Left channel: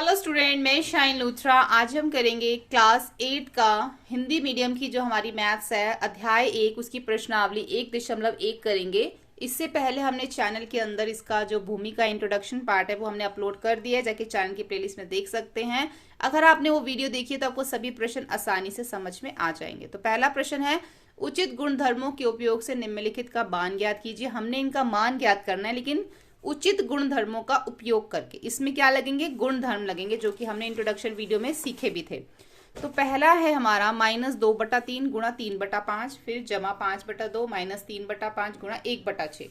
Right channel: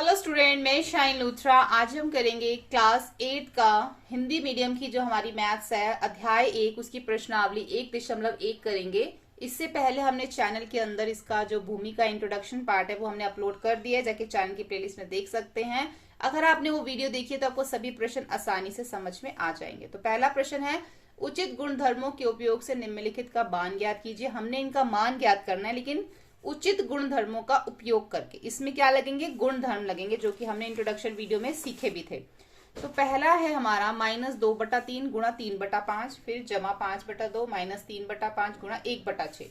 Hello student, मैं shine Luthra. आज हम करेंगे क्लास 8 का हिंदी मीडियम की जो हमारी मैथ्स है, अध्याय 1, उसकी प्रश्नावली 1.1 करेंगे। इससे पहले हमने चैनल के अंदर इसका जो भूमि का इंट्रोडक्शन पार्ट है वो हमने अपलोड कर दिया है, जाके चैनल की प्लेलिस्ट में देख सकते हैं। अगर आपने वो वीडियो देखी है तो आपको सभी प्रश्न आसानी से समझ में आ जाएंगे। तो पहला प्रश्न है, उचित गुणधर्मों के उपयोग से निम्नलिखित का मान ज्ञात कीजिए। हमने इनका मान ज्ञात करना है, लेकिन उचित गुणधर्मों का उपयोग करके। इसमें क्या लगेंगे? गुणधर्म लगेंगे, जो कि हमने इंट्रोडक्शन वीडियो में सीखे भी थे। तो पहला है हमारा -2/3 गुणा 3/5, फिर जमा 5/2 माइनस 3/5 गुणा 1/6।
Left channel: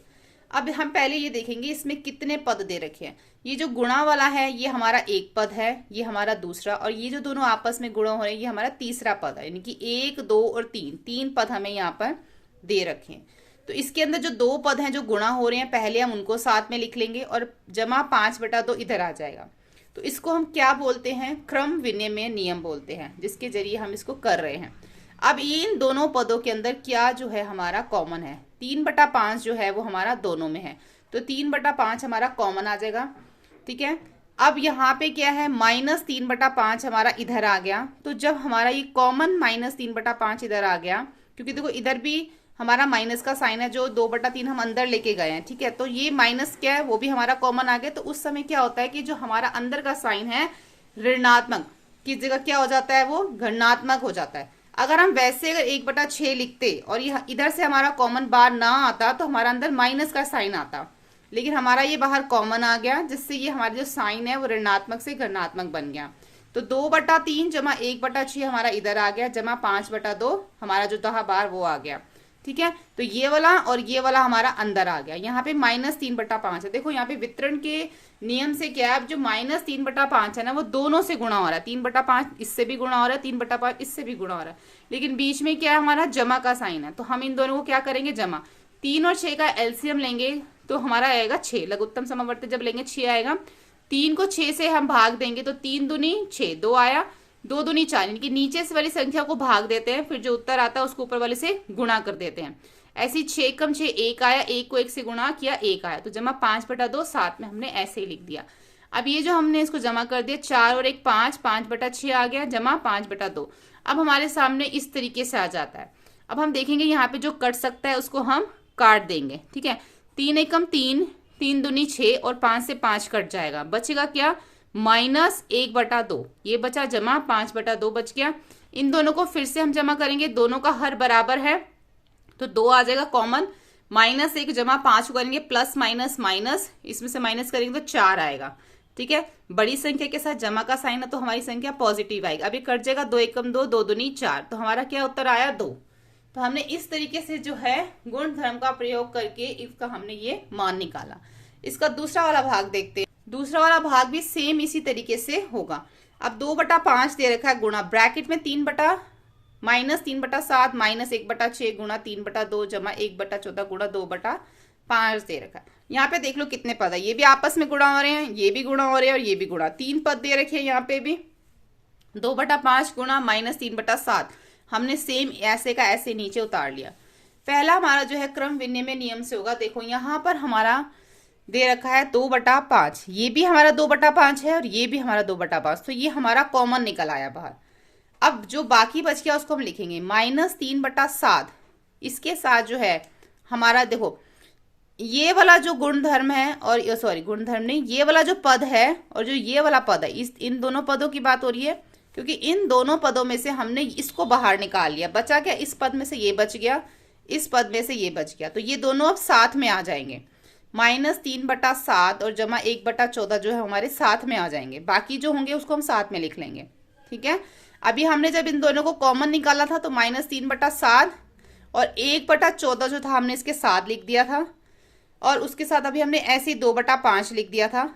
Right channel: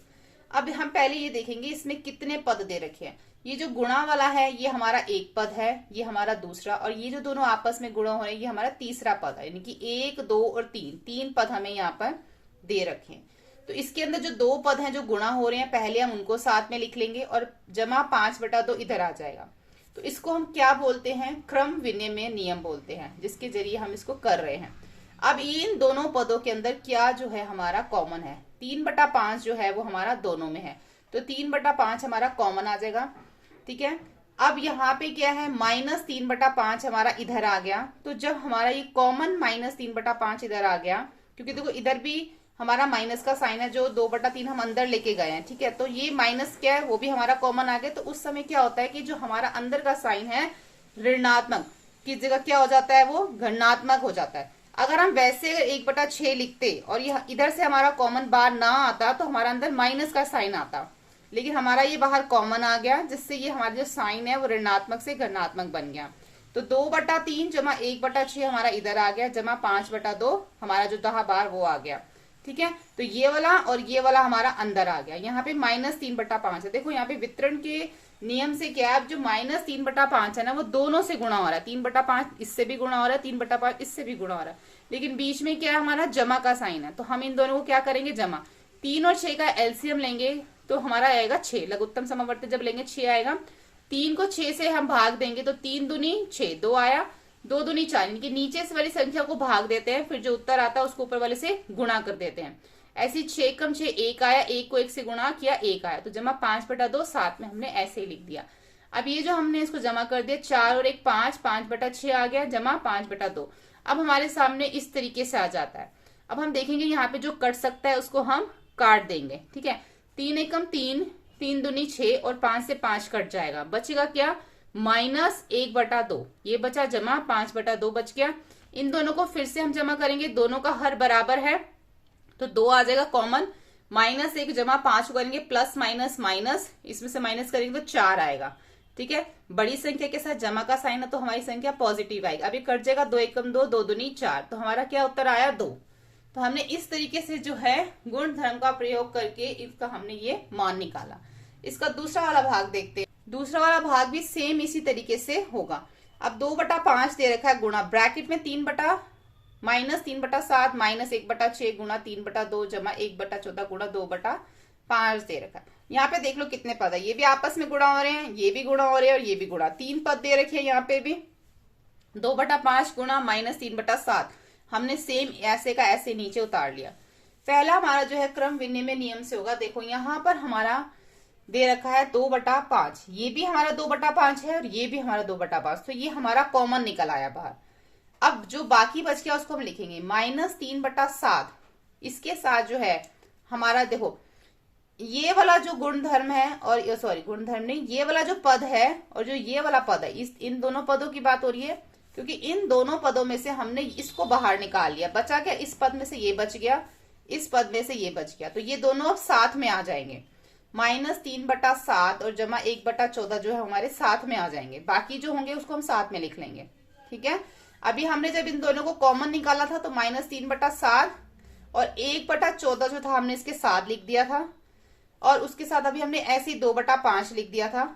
अब हम पहले ये देखेंगे इसमें कितने पद दे रखे हैं। ये जो गुणा वाला है ये हमारा एक पद है, ये हमारा दूसरा, और ये जो दोनों आपस में गुणा हो रहे हैं ये हमारा तीसरा पद है। यानी कि 1, 2 और 3 पद हमें यहाँ पर दे रखे हैं। तो इसके अंदर जो दो पद हैं जो गुणा हो रहे हैं, पहले हम उनको साथ में लिख लेंगे और जमा 5/2 इधर आ जाएगा। तो इसको हम क्या बोलते हैं? क्रम विनिमय नियम बोलते हैं, जिसके जरिए हम इसको कर रहे हैं। अब इन दोनों पदों के अंदर क्या जो है हमारा कॉमन है? 3/5 जो है वो हमारा दोनों में है, तो 3/5 हमारा कॉमन आ जाएगा। ठीक है, अब यहाँ पे क्या है? -3/5 हमारा इधर आ गया। तो जब हमारा ये कॉमन -3/5 इधर आ गया, क्योंकि देखो इधर भी हमारा माइनस का साइन है, जो 2/3 हम अंदर लेके गए हैं। ठीक है, तो ये माइनस क्या है, वो भी हमारा कॉमन आ गया। तो उस समय क्या होता है कि जो हमारा अंदर का साइन है ऋणात्मक की जगह क्या हो जाता है? वो धनात्मक हो जाता है। अगर हम वैसे अगर 1/6 लिखते और ये इधर से हमारा कॉमन बार ना आता तो हमारा अंदर माइनस का साइन आता, लेकिन हमारा ये बाहर कॉमन आ गया, जिससे ये हमारा जो साइन है वो ऋणात्मक से धनात्मक बन गया। तो 2/3 जमा 1/6 हमारा इधर आ गया, जमा 5/2 हमारा जो दहा बार वो आ गया। ठीक है, तो ये वाला और ये वाला हमारा अंदर आ गया। यहाँ पे -3/5 है। देखो यहाँ पे वितरण के नियम से क्या है, अब जो -3/5 है ना वो दोनों से गुणा हो रहा है। 3/5 इससे भी गुणा हो रहा है, 3/5 इससे भी गुणा हो रहा है, लेकिन बीच में क्या है? हमारा जमा का साइन है। तो हम इन दोनों को क्या करेंगे? जमा। 3 और 6 का एलसीएम लेंगे तो हमारा आएगा 6। लघुत्तम समावर्ती जब लेंगे 6 आएगा। 3 को 6 से हम भाग देंगे तो 3 दूनी 6, 2 आया, 2 दूनी 4। यानी कि नीचे से वाली संख्या को भाग देते हैं, फिर जो उत्तर आता है उसको ऊपर वाले से गुणा कर देते हैं। ऐसी 6 कम 6 1 आया, 1 को 1 से गुणा किया 1 आया, तो जमा 5/2 साथ में हमने ऐसे ही लिख दिया। अब ये जो हमने इसको जमा कर दिया, 4 और 1 5, 5/6 आ गया, जमा 5/2। अब हमारे सामने इस तरीके से आ जाता है। अब हम देखेंगे यहाँ पे जो कट सकता है उसको हम काट देंगे। ठीक है, 3 एकम 3, 3 दूनी 6 और 5 से 5 कट जाएगा, बचेगा क्या? -1/2। ये बचा, जमा 5/2 बच गया। इन दोनों को फिर से हम जमा करेंगे, दोनों का हर बराबर है तो 2 आ जाएगा कॉमन। -1 जमा 5 करेंगे, प्लस माइनस माइनस, इसमें से माइनस करेंगे तो 4 आएगा। ठीक है, बड़ी संख्या के साथ जमा का साइन है तो हमारी संख्या पॉजिटिव आएगी। अभी कट जाएगा, 2 एकम 2, 2 दूनी 4, तो हमारा क्या उत्तर आया? 2। तो हमने इस तरीके से जो है गुण धर्म का प्रयोग करके इसका हमने ये मान निकाला। इसका दूसरा वाला भाग देखते हैं। दूसरा वाला भाग भी सेम इसी तरीके से होगा। अब 2/5 दे रखा है, गुणा ब्रैकेट में -3/7 -1/6 गुणा 3/2 जमा 1/14 गुणा 2/5 दे रखा है। यहाँ पे देख लो कितने पद है, ये भी आपस में गुणा हो रहे हैं, ये भी गुणा हो रहे हैं और ये भी गुणा। 3 पद दे रखे हैं यहाँ पे भी। 2/5 गुणा -3/7 हमने सेम ऐसे का ऐसे नीचे उतार लिया। पहला हमारा जो है क्रम विनिमय नियम से होगा। देखो यहाँ पर हमारा दे रखा है 2/5, ये भी हमारा 2/5 है और ये भी हमारा 2/5, तो ये हमारा कॉमन निकल आया बाहर। अब जो बाकी बच गया उसको हम लिखेंगे -3/7। इसके साथ जो है हमारा देखो ये वाला जो गुणधर्म है, और सॉरी गुणधर्म नहीं, ये वाला जो पद है और जो ये वाला पद है, इन दोनों पदों की बात हो रही है, क्योंकि इन दोनों पदों में से हमने इसको बाहर निकाल लिया। बचा क्या? इस पद में से ये बच गया, इस पद में से ये बच गया, तो ये दोनों अब साथ में आ जाएंगे। -3/7 और जमा 1/14 जो है हमारे साथ में आ जाएंगे। बाकी जो होंगे उसको हम साथ में लिख लेंगे। ठीक है, अभी हमने जब इन दोनों को कॉमन निकाला था तो -3/7 और 1/14 जो था हमने इसके साथ लिख दिया था, और उसके साथ अभी हमने ऐसे 2/5 लिख दिया था,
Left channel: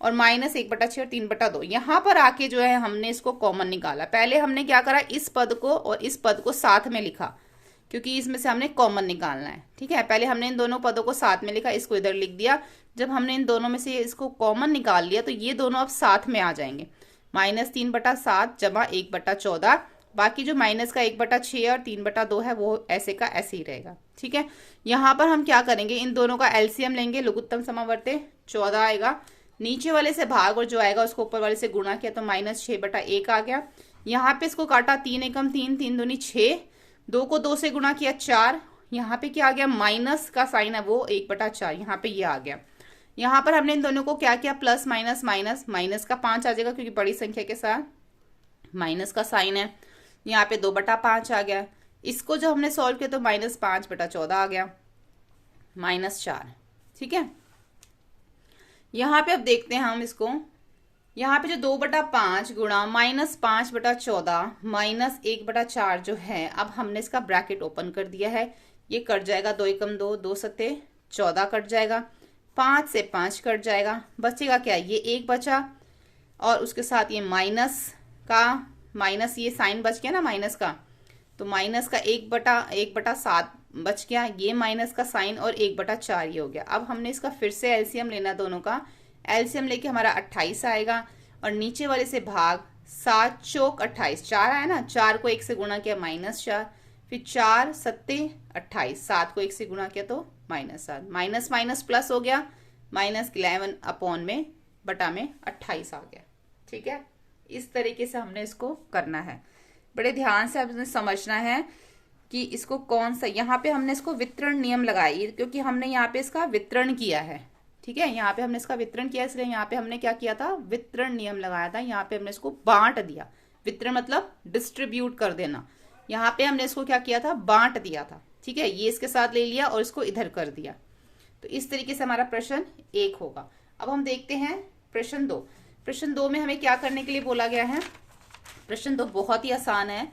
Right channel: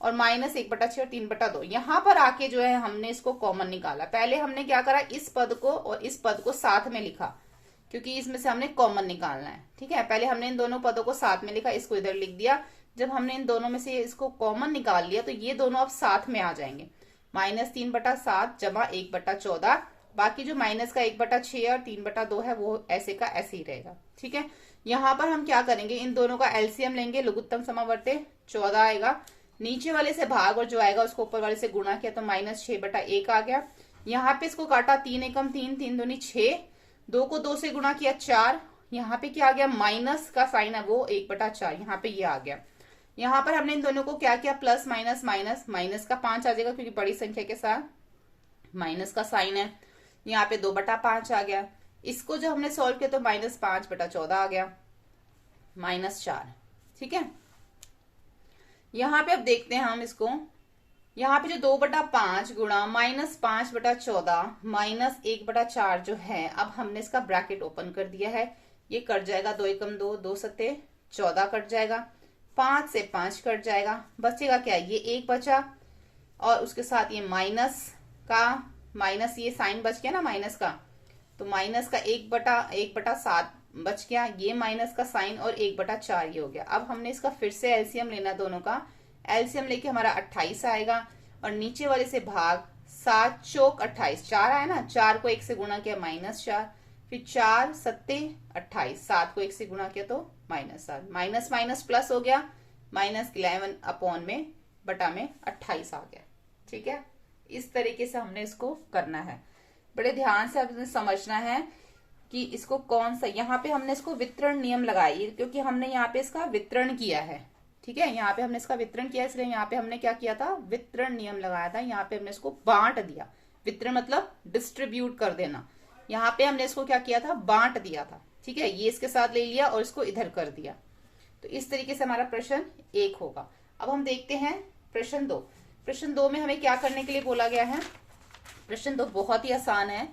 और -1/6 और 3/2। यहाँ पर आके जो है हमने इसको कॉमन निकाला। पहले हमने क्या करा, इस पद को और इस पद को साथ में लिखा, क्योंकि इसमें से हमने कॉमन निकालना है। ठीक है, पहले हमने इन दोनों पदों को साथ में लिखा, इसको इधर लिख दिया। जब हमने इन दोनों में से इसको कॉमन निकाल लिया तो ये दोनों अब साथ में आ जाएंगे। -3/7 जमा 1/14, बाकी जो माइनस का 1/6 और 3/2 है वो ऐसे का ऐसे ही रहेगा। ठीक है, यहाँ पर हम क्या करेंगे, इन दोनों का एलसीएम लेंगे, लघुत्तम समावर्ती 14 आएगा। नीचे वाले से भाग और जो आएगा उसको ऊपर वाले से गुणा किया तो -6/1 आ गया। यहाँ पे इसको काटा 3 एकम 3, 3 दूनी 6, 2 को 2 से गुणा किया 4। यहाँ पे क्या आ गया, माइनस का साइन है वो 1/4, यहाँ पे ये आ गया। यहाँ पर हमने इन दोनों को क्या किया, प्लस माइनस माइनस, माइनस का 5 आ जाएगा क्योंकि बड़ी संख्या के साथ माइनस का साइन है। यहाँ पे 2/5 आ गया। इसको जब हमने सॉल्व किया तो -5/14 आ गया, -4। ठीक है, यहाँ पे अब देखते हैं हम इसको। यहाँ पे जो 2/5 गुणा -5/14 -1/4 जो है, अब हमने इसका ब्रैकेट ओपन कर दिया है। ये कट जाएगा, 2 एकम 2, 2 सत्ते 14 कट जाएगा, 5 से 5 कट जाएगा, बचेगा क्या, ये 1 बचा और उसके साथ ये माइनस का माइनस, ये साइन बच गया ना माइनस का, तो माइनस का 1/7 बच गया, ये माइनस का साइन और 1/4 ये हो गया। अब हमने इसका फिर से एलसीएम लेना, दोनों का एलसीएम लेके हमारा 28 आएगा और नीचे वाले से भाग, 7 चौक 28, 4 आया ना, 4 को 1 से गुणा किया -4, फिर 4 सत्ते 28, 7 को 1 से गुणा किया तो -7, माइनस माइनस प्लस हो गया, -11 अपॉन में बटा में 28 आ गया। ठीक है, इस तरीके से हमने इसको करना है। बड़े ध्यान से आपने समझना है कि इसको कौन सा, यहाँ पे हमने इसको वितरण नियम लगाई क्योंकि हमने यहाँ पे इसका वितरण किया है। ठीक है, यहाँ पे हमने इसका वितरण किया, इसलिए यहाँ पे हमने क्या किया था, वितरण नियम लगाया था। यहाँ पे हमने इसको बांट दिया, वितरण मतलब डिस्ट्रीब्यूट कर देना, यहाँ पे हमने इसको क्या किया था, बांट दिया था। ठीक है, ये इसके साथ ले लिया और इसको इधर कर दिया, तो इस तरीके से हमारा प्रश्न 1 होगा। अब हम देखते हैं प्रश्न 2। प्रश्न 2 में हमें क्या करने के लिए बोला गया है। प्रश्न 2 बहुत ही आसान है।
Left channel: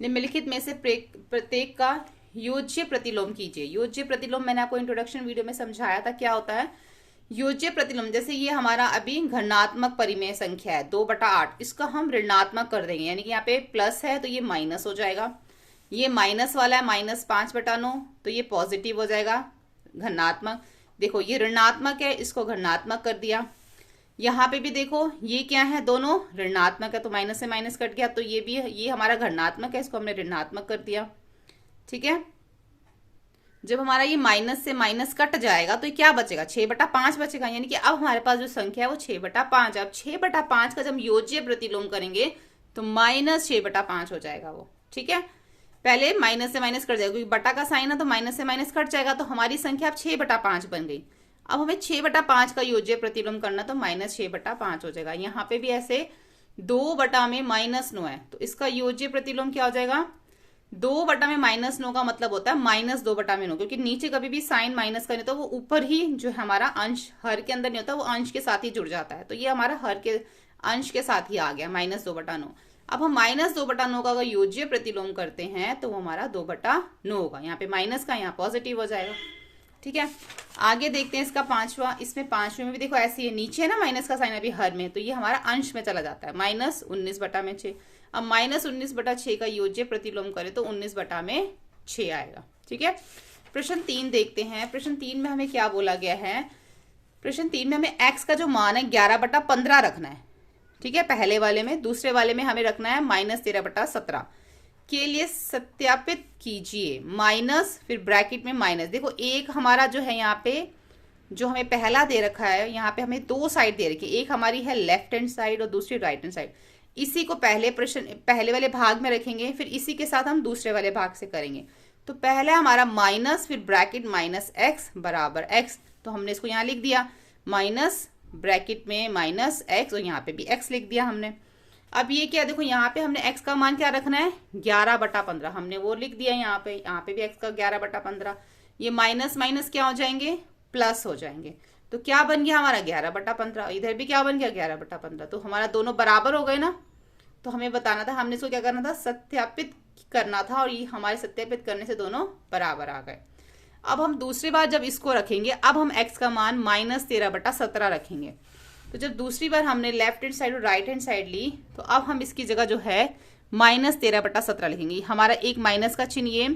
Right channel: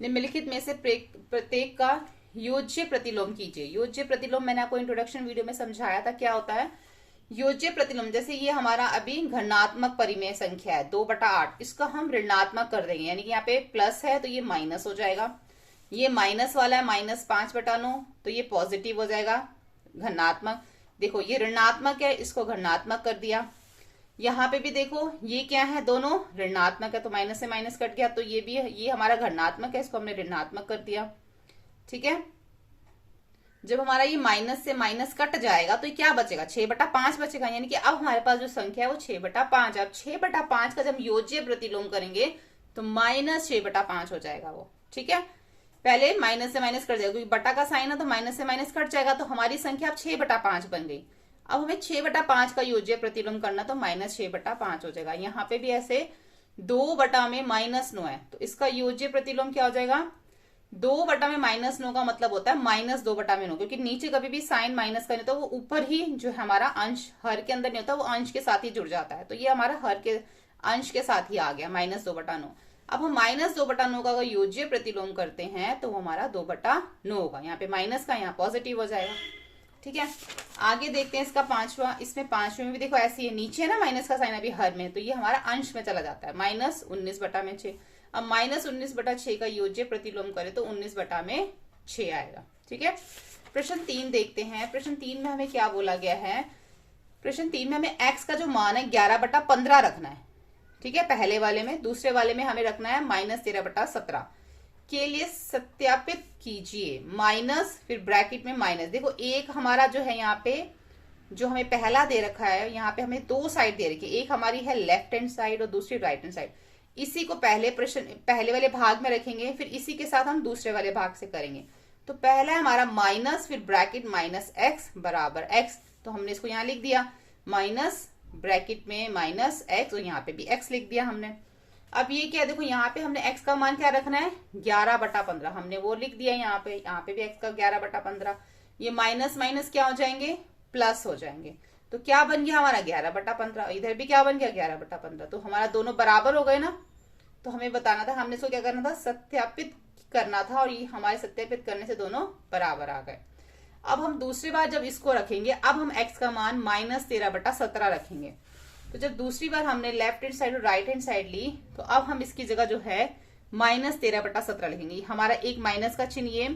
निम्नलिखित में से प्रत्येक का योज्य प्रतिलोम कीजिए। योज्य प्रतिलोम मैंने आपको इंट्रोडक्शन वीडियो में समझाया था क्या होता है। योज्य प्रतिलोम, जैसे ये हमारा अभी घनात्मक परिमेय संख्या है 2/8, इसको हम ऋणात्मक कर देंगे, यानी कि यहाँ पे प्लस है तो ये माइनस हो जाएगा। ये माइनस वाला है -5/9, तो ये पॉजिटिव हो जाएगा घनात्मक। देखो ये ऋणात्मक है, इसको घनात्मक कर दिया। यहाँ पे भी देखो ये क्या है, दोनों ऋणात्मक है तो माइनस से माइनस कट गया, तो ये भी ये हमारा घनात्मक है, इसको हमने ऋणात्मक कर दिया। ठीक है, जब हमारा ये माइनस से माइनस कट जाएगा तो ये क्या बचेगा, 6/5 बचेगा, यानी कि अब हमारे पास जो संख्या है वो 6/5। अब 6/5 का जब योज्य प्रतिलोम करेंगे तो -6/5 हो जाएगा वो। ठीक है, पहले माइनस से माइनस कट जाएगा क्योंकि बटा का साइन है तो माइनस से माइनस कट जाएगा, तो हमारी संख्या अब 6/5 बन गई। अब हमें 6/5 का योज्य प्रतिलोम करना तो -6/5 हो जाएगा। यहाँ पे भी ऐसे 2/-9 है तो इसका योज्य प्रतिलोम क्या हो जाएगा, 2/-9 का मतलब होता है -2/9, क्योंकि नीचे कभी भी साइन माइनस का नहीं होता, वो ऊपर ही जो हमारा अंश हर के अंदर नहीं होता, वो अंश के साथ ही जुड़ जाता है, तो ये हमारा हर के अंश के साथ ही आ गया -2/9। अब हम -2/9 का योज्य प्रतिलोम करते हैं तो वो हमारा 2/9 होगा, यहाँ पे माइनस का यहाँ पॉजिटिव हो जाएगा। ठीक है, आगे देखते हैं इसका 5वां। इसमें 5वें में भी देखो ऐसी है, नीचे ना माइनस का साइन अभी हर में, तो ये हमारा अंश में चला जाता है, -19/6। अब -19/6 का योज्य प्रतिलोम करें तो 19/6 आएगा। ठीक है, प्रश्न 3 देखते हैं। प्रश्न 3 में हमें क्या बोला गया है। प्रश्न 3 में हमें x का जो मान है 11/15 रखना है। ठीक है, पहले वाले में। दूसरे वाले में हमें रखना है -13/17 के लिए सत्यापित कीजिए, माइनस फिर ब्रैकेट में माइनस। देखो एक हमारा जो है यहाँ पे जो हमें पहला दे रखा है, यहाँ पे हमें 2 साइड दे रखी है, एक हमारी है लेफ्ट हैंड साइड और दूसरी राइट हैंड साइड। इसी को पहले वाले भाग में रखेंगे, फिर इसी के साथ हम दूसरे वाले भाग से करेंगे। तो पहला हमारा माइनस फिर ब्रैकेट -x बराबर x, तो हमने इसको यहाँ लिख दिया माइनस ब्रैकेट में -x और यहाँ पे भी x लिख दिया हमने। अब ये क्या, देखो यहाँ पे हमने x का मान क्या रखना है 11/15, हमने वो लिख दिया यहाँ पे भी x का 11/15। ये माइनस माइनस क्या हो जाएंगे, प्लस हो जाएंगे, तो क्या बन गया हमारा 11/15। इधर भी क्या बन गया 11/15, तो हमारा दोनों बराबर हो गए ना। तो हमें बताना था, हमने इसको क्या करना था, सत्यापित करना था, और ये हमारे सत्यापित करने से दोनों बराबर आ गए। अब हम दूसरी बार जब इसको रखेंगे, अब हम x का मान -13/17 रखेंगे। तो जब दूसरी बार हमने लेफ्ट हैंड साइड और राइट हैंड साइड ली, तो अब हम इसकी जगह जो है -13/17 लिखेंगे। हमारा एक माइनस का चिन्ह, ये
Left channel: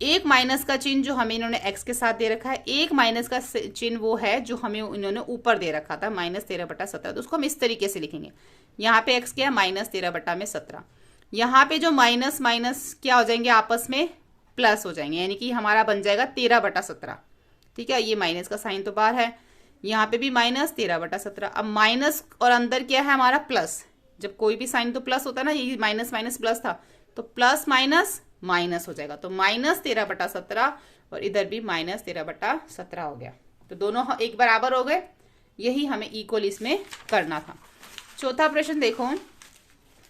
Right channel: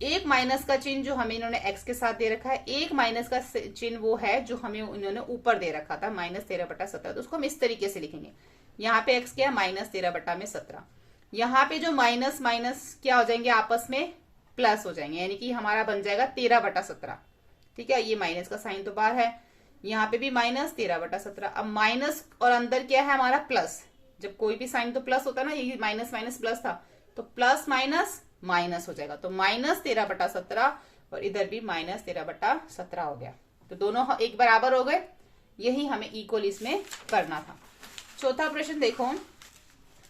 एक माइनस का चिन्ह जो हमें इन्होंने x के साथ दे रखा है, एक माइनस का चिन्ह वो है जो हमें इन्होंने ऊपर दे रखा था -13/17, तो उसको हम इस तरीके से लिखेंगे। यहाँ पे x क्या है -13/17, यहाँ पे जो माइनस माइनस क्या हो जाएंगे आपस में प्लस हो जाएंगे, यानी कि हमारा बन जाएगा 13/17। ठीक है, ये माइनस का साइन तो बाहर है। यहाँ पे भी -13/17। अब माइनस और अंदर क्या है हमारा प्लस, जब कोई भी साइन तो प्लस होता है ना, ये माइनस माइनस प्लस था, तो प्लस माइनस माइनस हो जाएगा, तो -13/17 और इधर भी -13/17 हो गया। तो दोनों एक बराबर हो गए, यही हमें इक्वल इसमें करना था। चौथा प्रश्न देखो,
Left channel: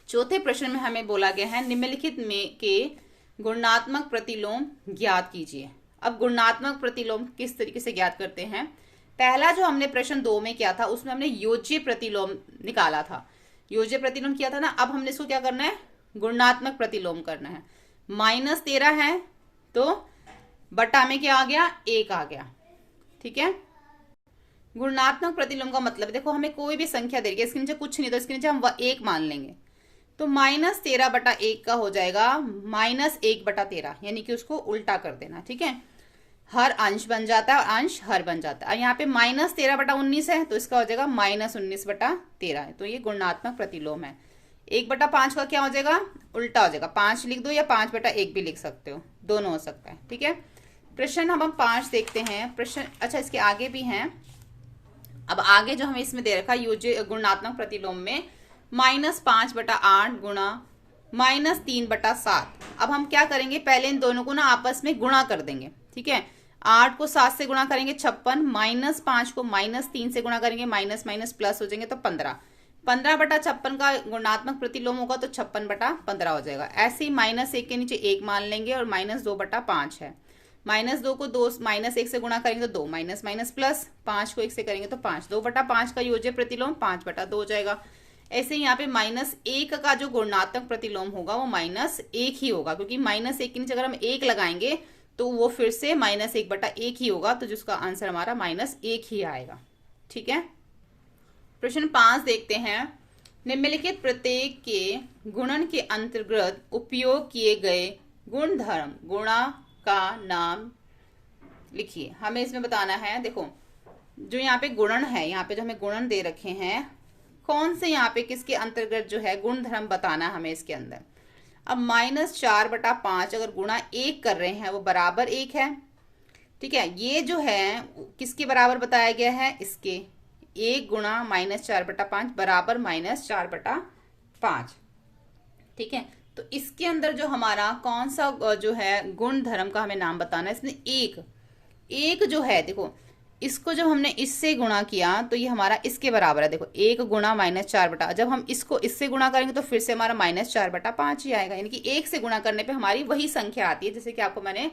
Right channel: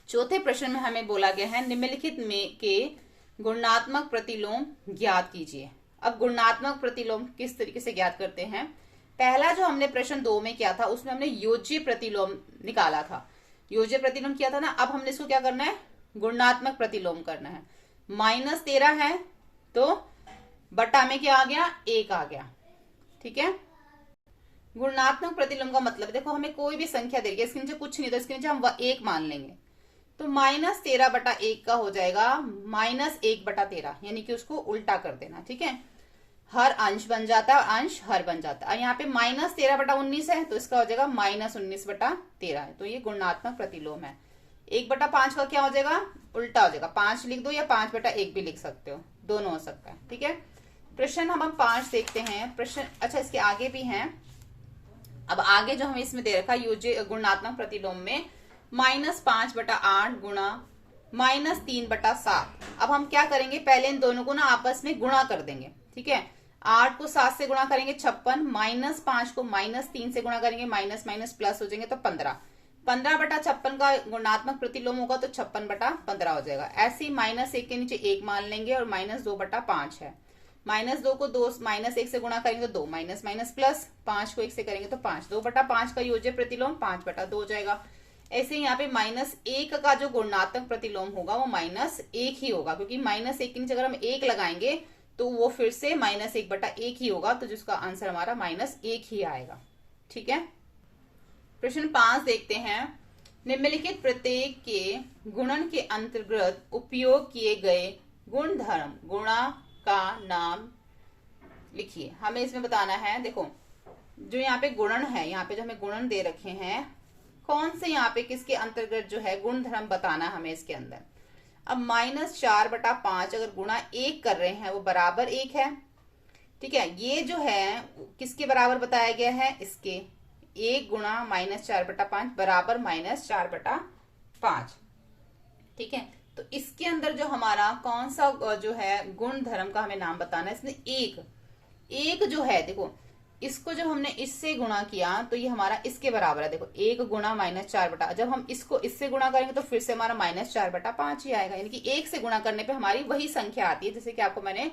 चौथे प्रश्न में हमें बोला गया है निम्नलिखित में के गुणात्मक प्रतिलोम ज्ञात कीजिए। अब गुणात्मक प्रतिलोम किस तरीके से ज्ञात करते हैं? पहला जो हमने प्रश्न 2 में किया था उसमें हमने योज्य प्रतिलोम निकाला था, योज्य प्रतिलोम किया था ना। अब हमने इसको क्या करना है, गुणात्मक प्रतिलोम करना है। -13 है तो बटा में क्या आ गया, 1 आ गया। ठीक है, गुणात्मक प्रतिलोम का मतलब देखो, हमें कोई भी संख्या दे रही है, इसके नीचे कुछ नहीं तो इसके नीचे हम 1 मान लेंगे, तो -13/1 का हो जाएगा -1/13, यानी कि उसको उल्टा कर देना। ठीक है, हर अंश बन जाता है और अंश हर बन जाता है। यहाँ पे -13/19 है तो इसका हो जाएगा -19/13, तो ये गुणात्मक प्रतिलोम है। 1/5 का क्या हो जाएगा, उल्टा हो जाएगा, 5 लिख दो या 5/1 भी लिख सकते हो, दोनों हो सकता है। ठीक है, प्रश्न हम 5 देखते हैं। प्रश्न अच्छा इसके आगे भी हैं। अब आगे जो हमें इसमें दे रखा योज्य गुणात्मक प्रतिलोम में -5/8 गुणा -3/7। अब हम क्या करेंगे, पहले इन दोनों को ना आपस में गुणा कर देंगे। ठीक है, 8 को 7 से गुणा करेंगे 56, -5 को -3 से गुणा करेंगे, माइनस माइनस प्लस हो जाएंगे तो 15। 15/56 का गुणात्मक प्रतिलोम होगा तो 56/15 हो जाएगा। ऐसे ही -1 के नीचे 1 मान लेंगे और -2/5 है। -2 को 2 -1 से गुणा करेंगे तो 2, माइनस माइनस प्लस, 5 को 1 से करेंगे तो 5, 2/5 का योज्य प्रतिलोम 5/2 हो जाएगा। ऐसे ही यहाँ पे -1 का जो गुणात्मक प्रतिलोम होगा वो -1 ही होगा, क्योंकि -1 के नीचे अगर हम 1 लगाएंगे तो वो फिर से -1/1 ही होगा, तो जिसका आंसर हमारा -1 ही आएगा। ठीक है, प्रश्न 5 देखते हैं। निम्नलिखित प्रत्येक के गुणन के अंतर्गत उपयोग किए गए गुणधर्म गुणा का नाम लिखिए। हमें इसमें बताना है, देखो जो यहाँ पे गुणन है, यहाँ पे जो हमें गुणन दे रखे हैं, कौन से यहाँ पे किसके अंतर्गत जो है गुणधर्म बताना हमें इसके अंदर। अब -4/5 अगर गुणा 1 कर रहे हैं वो बराबर 1 है। ठीक है, ये जो है किसके बराबर बताया गया है, इसके 1 गुणा -4/5 बराबर -4/5। ठीक है, तो इसके अंदर जो हमारा कौन सा जो है गुण धर्म का हमें नाम बताना है। इसमें एक जो है, देखो इसको जब हमने इससे गुणा किया तो ये हमारा इसके बराबर है। देखो 1 गुणा -4/, जब हम इसको इससे गुणा करेंगे तो फिर से हमारा -4/5 ही आएगा, यानी कि 1 से गुणा करने पे हमारी वही संख्या आती है, जैसे कि आपको मैंने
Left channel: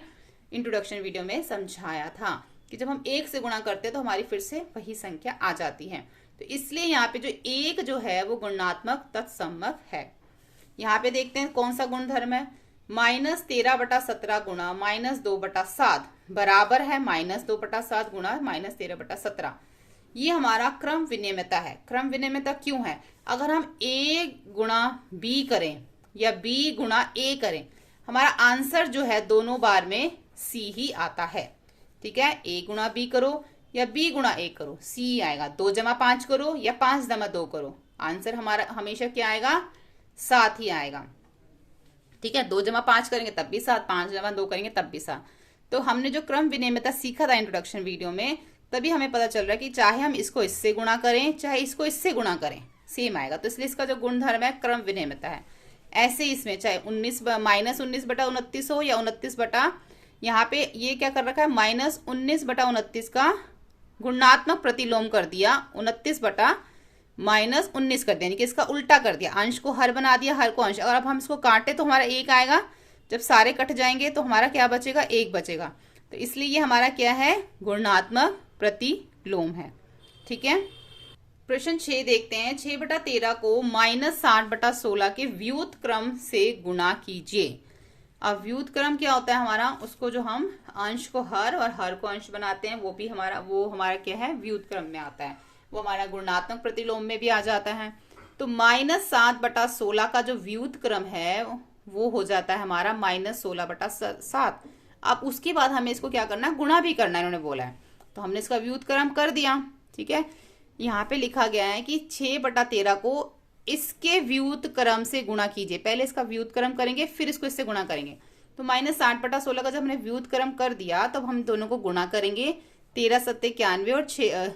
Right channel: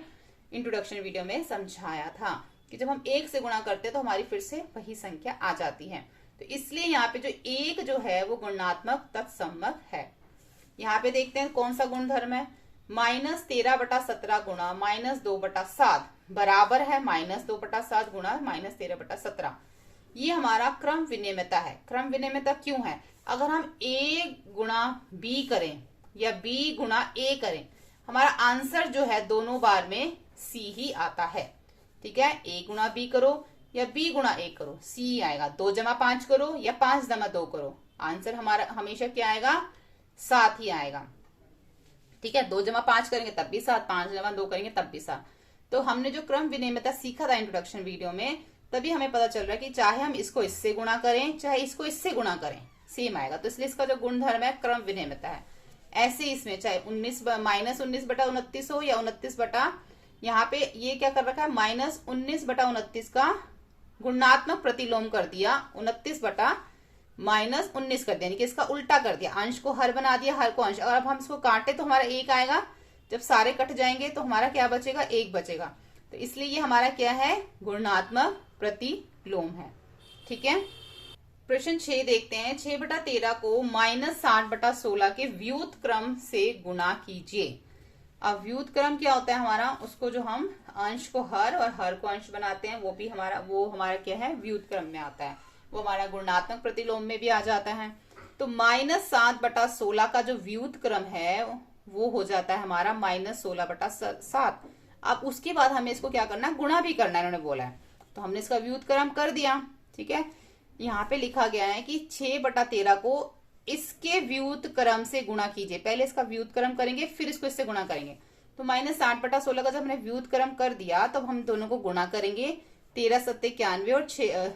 इंट्रोडक्शन वीडियो में समझाया था कि जब हम 1 से गुणा करते हैं तो हमारी फिर से वही संख्या आ जाती है। तो इसलिए यहाँ पे जो 1 जो है वो गुणात्मक तत्समक है। यहाँ पे देखते हैं कौन सा गुणधर्म है। -13/17 गुणा -2/7 बराबर है -2/7 गुणा -13/17। ये हमारा क्रम विनिमयता है। क्रम विनिमयता क्यों है, अगर हम A गुणा B करें या B गुणा A करें, हमारा आंसर जो है दोनों बार में C ही आता है। ठीक है, A गुणा B करो या B गुणा A करो, C आएगा। 2 जमा 5 करो या 5 जमा 2 करो, आंसर हमारा हमेशा क्या आएगा, 7 ही आएगा। ठीक है, 2 जमा 5 करेंगे तब भी 7, 5 जमा 2 करेंगे तब भी 7। तो हमने जो क्रम विनिमयता सीखा था इंट्रोडक्शन वीडियो में, तभी हमें पता चल रहा है कि चाहे हम इसको इससे गुणा करें चाहे इसको इससे गुणा करें सेम आएगा। तो इसलिए इसका जो गुणधर्म है क्रम विनिमयता है। ऐसे इसमें चाहे -19/29 हो या 29 यहाँ पे ये क्या कर रखा है, -19/29 का गुणात्मक प्रतिलोम कर दिया, 29/-19 कर दिया, यानी कि इसका उल्टा कर दिया, अंश को हर बना दिया, हर को अंश। अगर अब हम इसको काटे तो हमारा 1 आएगा, जब सारे कट जाएंगे तो हमारा क्या बचेगा, 1 बचेगा। तो इसलिए ये हमारा क्या है, गुणात्मक प्रतिलोम है। ठीक है, प्रश्न 6 देखते हैं। 6/13 को -60/16 के व्युत्क्रम से गुणा कीजिए। अब व्युत्क्रम क्या होता है हमारा, उसको जो हम अंश को हर और हर को अंश बनाते हैं वो हमारा क्या है, व्युत्क्रम में आता है, वो हमारा गुणात्मक प्रतिलोम में भी आ जाता है। तो -7/16 का जो व्युत्क्रम है वो हो जाता है हमारा -16/7। अब उसके बाद हमें इसको क्या करना है, गुणा भी करना है, उन्होंने बोला है, तो हमने इसका व्युत्क्रम कर दिया। ठीक है, यहाँ पे लिखा गया है कि 6/13 को इसके व्युत्क्रम से गुणा कीजिए। पहले इसका व्युत्क्रम करेंगे फिर इसको इससे गुणा करेंगे। तो -60/16 का जब हमने व्युत्क्रम कर दिया तब हम दोनों को गुणा करेंगे, 13 × 7 = 91 और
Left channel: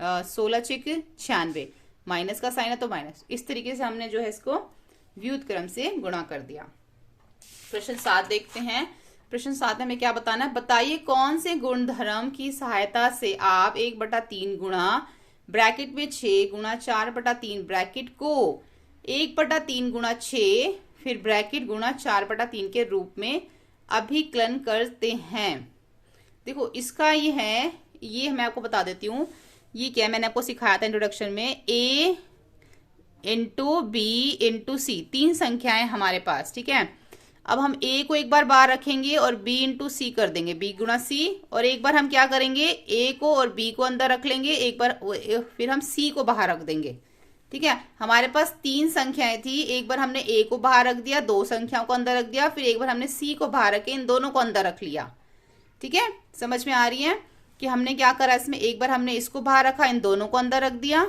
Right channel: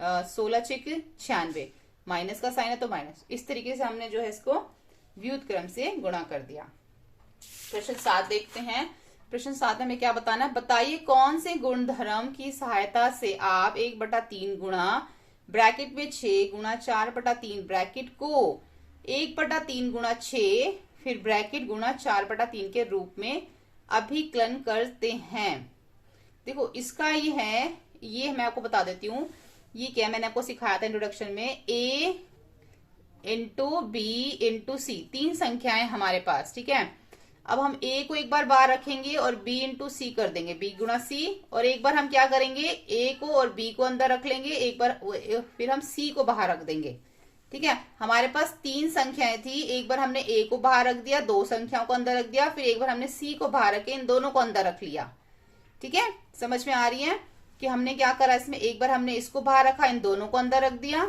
16 छिक 96, माइनस का साइन है तो माइनस। इस तरीके से हमने जो है इसको व्युत क्रम से गुणा कर दिया। प्रश्न 7 देखते हैं। प्रश्न 7 में हमें क्या बताना है, बताइए कौन से गुणधर्म की सहायता से आप 1/3 गुणा ब्रैकेट में 6 गुणा 4/3 ब्रैकेट को 1/3 गुणा 6 फिर ब्रैकेट गुणा 4/3 के रूप में अभिकलन करते हैं। देखो इसका ये है, ये मैं आपको बता देती हूँ, ये क्या है मैंने आपको सिखाया था इंट्रोडक्शन में, a इंटू बी इंटू सी, 3 संख्याएं हमारे पास, ठीक है। अब हम a को एक बार बाहर रखेंगे और b इंटू सी कर देंगे, b गुणा c, और एक बार हम क्या करेंगे a को और b को अंदर रख लेंगे, एक बार फिर हम c को बाहर रख देंगे, ठीक है। हमारे पास 3 संख्याएं थी, एक बार हमने a को बाहर रख दिया, 2 संख्याओं को अंदर रख दिया, फिर एक बार हमने c को बाहर रख के इन दोनों को अंदर रख लिया, ठीक है। समझ में आ रही है कि हमने क्या करा इसमें, एक बार हमने इसको बाहर रखा, इन दोनों को अंदर रख दिया,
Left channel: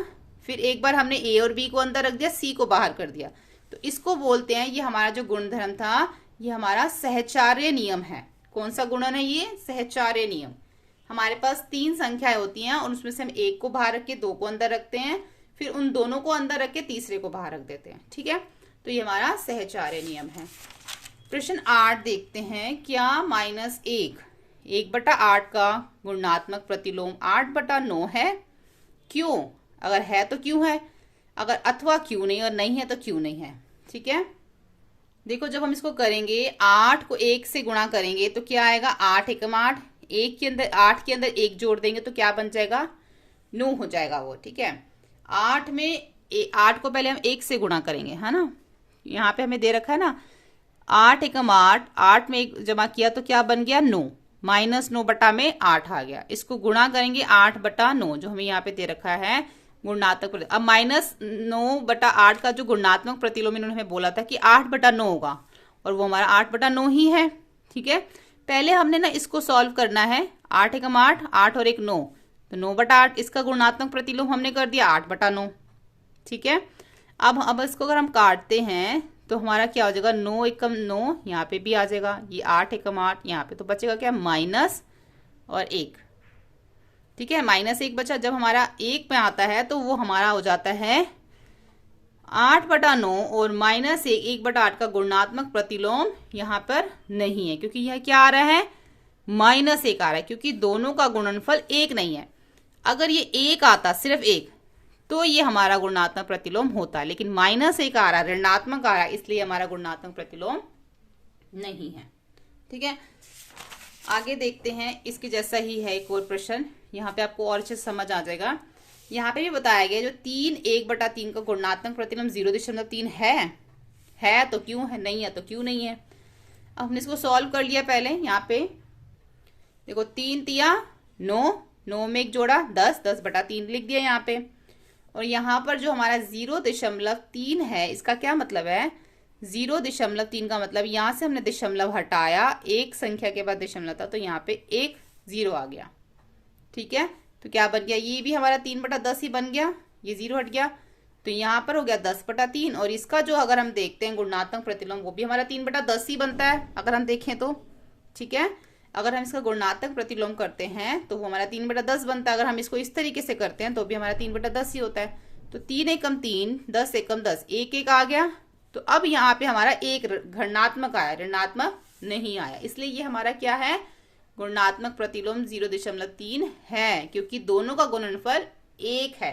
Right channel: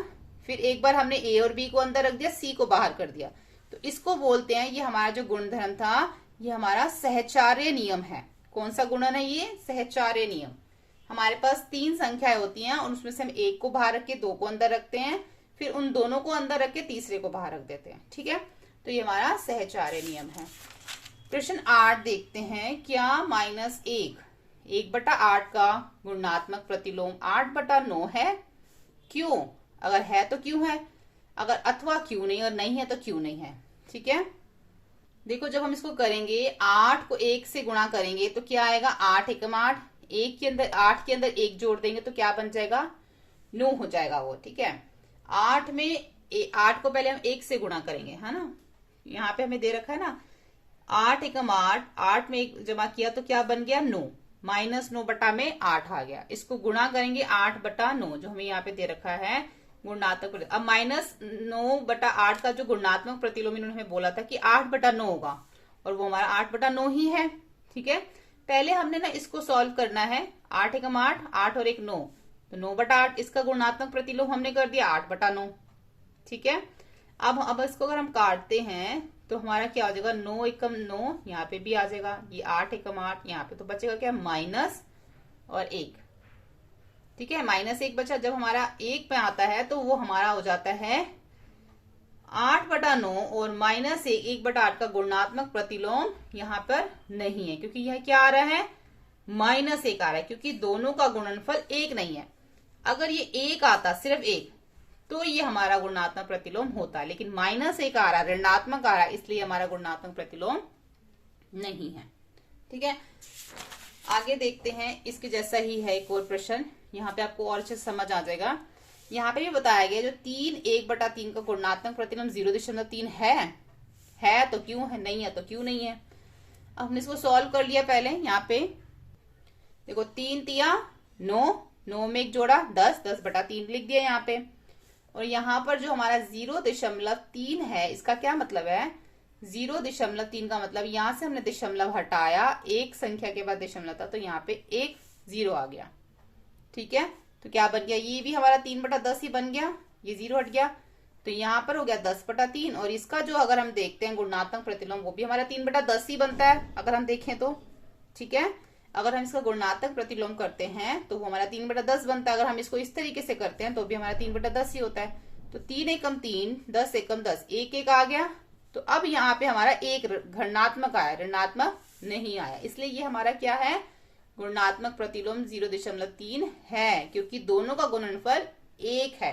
फिर एक बार हमने a और b को अंदर रख दिया, c को बाहर कर दिया। तो इसको बोलते हैं, ये हमारा जो गुणधर्म था ये हमारा सहचार्य नियम है। कौन सा गुणन है ये, सहचार्य नियम। हमारे पास 3 संख्याएं होती हैं और उसमें से हम 1 को बाहर रख के 2 को अंदर रखते हैं, फिर उन दोनों को अंदर रख के तीसरे को बाहर रख देते हैं, ठीक है। तो ये हमारा सहचार्य नियम है। प्रश्न 8 देखते हैं, क्या -1 1/8 का गुणात्मक प्रतिलोम 8/9 है? क्यों? अगर है तो क्यों है, अगर अथवा क्यों नहीं, और नहीं है तो क्यों नहीं है, ठीक है। देखो जब हम इसको करेंगे 8 को 1 से गुणा करेंगे तो क्या आएगा, 8 एकम 8, 1 के अंदर 8 के अंदर 1 जोड़ देंगे तो क्या बन जाएगा, 9 हो जाएगा वो, ठीक है। 8 को पहले हम 1 से गुणा करेंगे, है ना, यहाँ पे हमें दे रखा है ना 8 एकम 8, 8 में 1 जमा किया तो क्या बन गया 9, -9 बटा में 8 आ गया। इसको गुणा करेंगे 8/9 जो हमें यहाँ पे दे रखा है गुणात्मक। अब -9/8 का जो गुणात्मक प्रतिलोम इन्होंने हमें बोला था कि 8/9 होगा, और वो हमारा 8/9 ही है, ठीक है। पहले हमने ना इसको सॉल्व करना है, 8 एकम 8, 8 और 1 9, तो 9/8 इसका गुणात्मक प्रतिलोम हमने कर दिया 8/9, ठीक है। अब इसको अगर हम काटते हैं तो हमारा क्या हो जाएगा, 9 एकम 9 यहाँ पे भी आ जाएगा, ये 8 एकम 8 यहाँ पे, तो बचेगा क्या, माइनस और 1, ठीक है। -1 बचा। जब हमारा 1 पे आता है तो वो हमारा हो जाता है 8/9, और -1 1/8 का गुणात्मक प्रतिलोम यहाँ पर नहीं है, क्योंकि यह क्या आ रहा है, -1 आ रहा है, क्योंकि दोनों का गुणनफल 1 नहीं है। अगर ये 1 आता, सिर्फ 1, तो ये हमारा गुणात्मक प्रतिलोम होता, लेकिन -1 आ रहा है, ऋणात्मक आ रहा है, इसलिए हमारा गुणात्मक प्रतिलोम नहीं है, ठीक है। आगे देखते हैं, इसके जैसा ही है एक और प्रश्न, यहाँ पे आपको और अच्छे से समझ आ जाएगा। यहाँ पे भी बताया गया जो 3 1/3 का गुणात्मक प्रतिलोम 0.3 है तो क्यों है, नहीं है तो क्यों नहीं है। अब हमने इसको सॉल्व कर लिया पहले, यहाँ पे देखो 3 तिया 9, 9 में 1 जोड़ा 10, 10/3 लिख दिया यहाँ पे, और यहाँ पर जो हमारा 0.3 है, इसका क्या मतलब है, 0.3 का मतलब यहाँ से हमने दशमलव हटाया, एक संख्या के बाद दशमलव था, तो यहाँ पे 1 0 आ गया, ठीक है। तो क्या बन गया, ये भी हमारा 3/10 ही बन गया, ये 0 हट गया, तो यहाँ पर हो गया 10/3, और इसका जो अगर हम देखते हैं गुणात्मक प्रतिलोम, वो भी हमारा 3/10 ही बनता है अगर हम देखें तो, ठीक है। अगर हम इसका गुणात्मक प्रतिलोम करते हैं तो वो हमारा 3/10 बनता है, अगर हम इसको इस तरीके से करते हैं तो भी हमारा 3/10 ही होता है। तो 3 एकम 3, 10 एकम 10, 1 1 आ गया, तो अब यहाँ पे हमारा 1 घनात्मक आया, ऋणात्मक नहीं आया, इसलिए ये हमारा क्या है, गुणात्मक प्रतिलोम 0.3 है, क्योंकि दोनों का गुणनफल 1 है।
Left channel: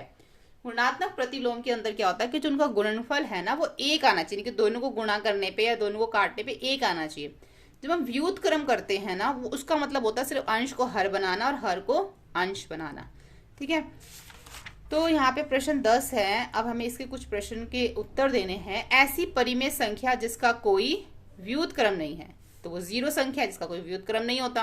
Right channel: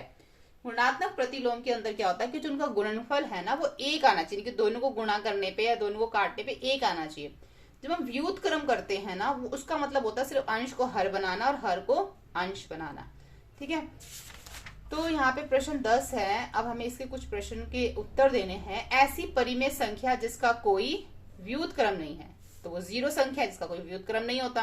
गुणात्मक प्रतिलोम के अंदर क्या होता है कि जो उनका गुणनफल है ना, वो 1 आना चाहिए, कि दोनों को गुणा करने पे या दोनों को काटने पे 1 आना चाहिए। जब हम व्युत क्रम करते हैं ना, वो उसका मतलब होता है सिर्फ अंश को हर बनाना और हर को अंश बनाना, ठीक है। तो यहाँ पे प्रश्न 10 है। अब हमें इसके कुछ प्रश्न के उत्तर देने हैं। ऐसी परिमेय संख्या जिसका कोई व्युत क्रम नहीं है, तो वो 0 संख्या है जिसका कोई व्युत क्रम नहीं होता।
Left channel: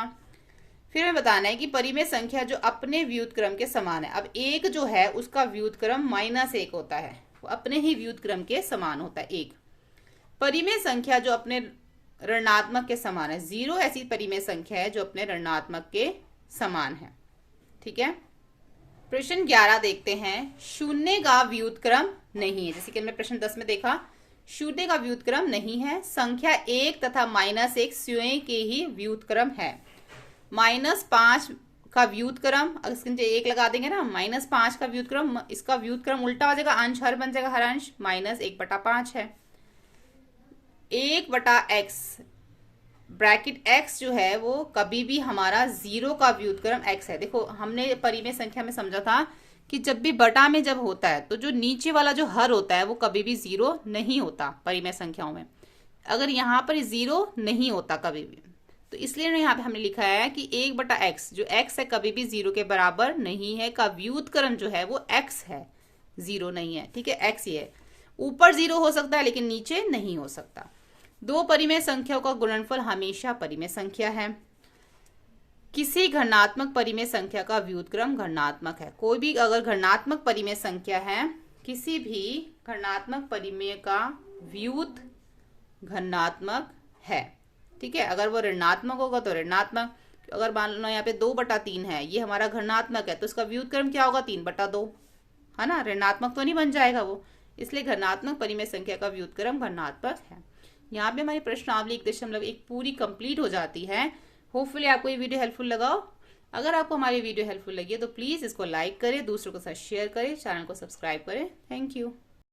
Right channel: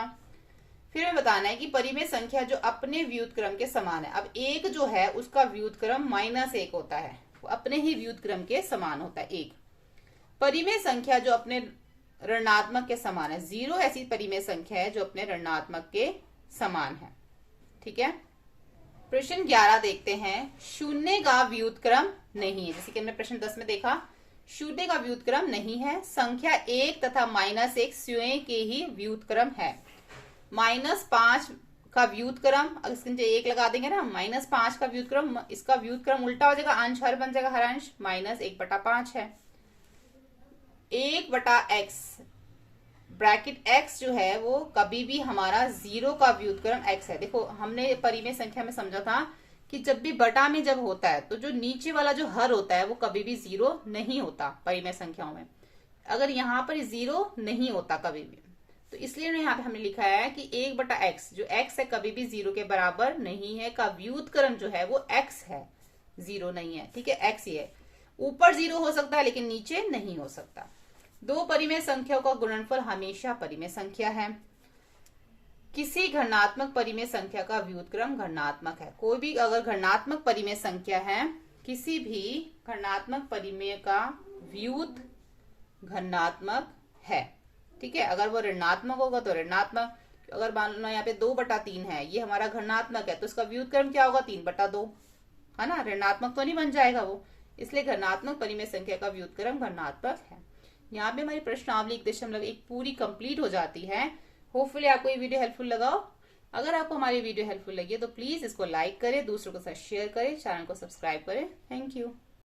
फिर हमें बताना है कि परिमेय संख्या जो अपने व्युत क्रम के समान है। अब 1 जो है उसका व्युत क्रम -1 होता है, वो अपने ही व्युत क्रम के समान होता है 1। परिमेय संख्या जो अपने ऋणात्मक के समान है, 0 ऐसी परिमेय संख्या है जो अपने ऋणात्मक के समान है, ठीक है। प्रश्न 11 देखते हैं। शून्य का व्युत क्रम नहीं है, जैसे कि हमने प्रश्न 10 में देखा, शून्य का व्युत क्रम नहीं है। संख्या 1 तथा -1 स्वयं के ही व्युत क्रम है। -5 का व्युत्क्रम, अगर इसके नीचे 1 लगा देंगे ना, -5 का व्युत्क्रम, इसका व्युत्क्रम उल्टा हो जाएगा, अंश हर बन जाएगा, हर अंश -1/5 है। 1/x ब्रैकेट x जो है वो कभी भी हमारा 0 का व्युत्क्रम x है। देखो हमने परिमेय संख्या में समझा था कि जब भी बटा में जब होता है तो जो नीचे वाला जो हर होता है वो कभी भी 0 नहीं होता परिमेय संख्याओं में। अगर यहाँ पर 0 नहीं होता कभी भी, तो इसलिए यहाँ पे हमने लिखा है कि 1/x जो x है कभी भी 0 के बराबर नहीं है, का व्युत्क्रम जो है वो x है, 0 नहीं है। ठीक है, x ही है। ऊपर 0 हो सकता है लेकिन नीचे नहीं हो सकता। दो परिमेय संख्याओं का गुणनफल हमेशा परिमेय संख्या है। किसी घनात्मक परिमेय संख्या का व्युत्क्रम घनात्मक है। कोई भी अगर घनात्मक परिमेय संख्या है, किसी भी घनात्मक परिमेय का व्युत घनात्मक है। ठीक है, अगर वो ऋणात्मक होगा तो ऋणात्मक, अगर मान लो यहाँ पे 2/3 है, ये हमारा घनात्मक है, तो इसका व्युत्क्रम क्या होगा, 3/2, है ना, ऋणात्मक तो नहीं बन जाएगा वो। इसलिए घनात्मक परिमेय संख्या का व्युत्क्रम घनात्मक है। यहाँ पे हमारी प्रश्नावली 1.1 पूरी कंप्लीट हो जाती है। होपफुली आपको ये वीडियो हेल्पफुल लगा हो। अगर आपको हमारी वीडियो हेल्पफुल लगी है तो प्लीज इसको लाइक करें, दूसरों के साथ शेयर करें, चैनल को सब्सक्राइब करें। Thank you.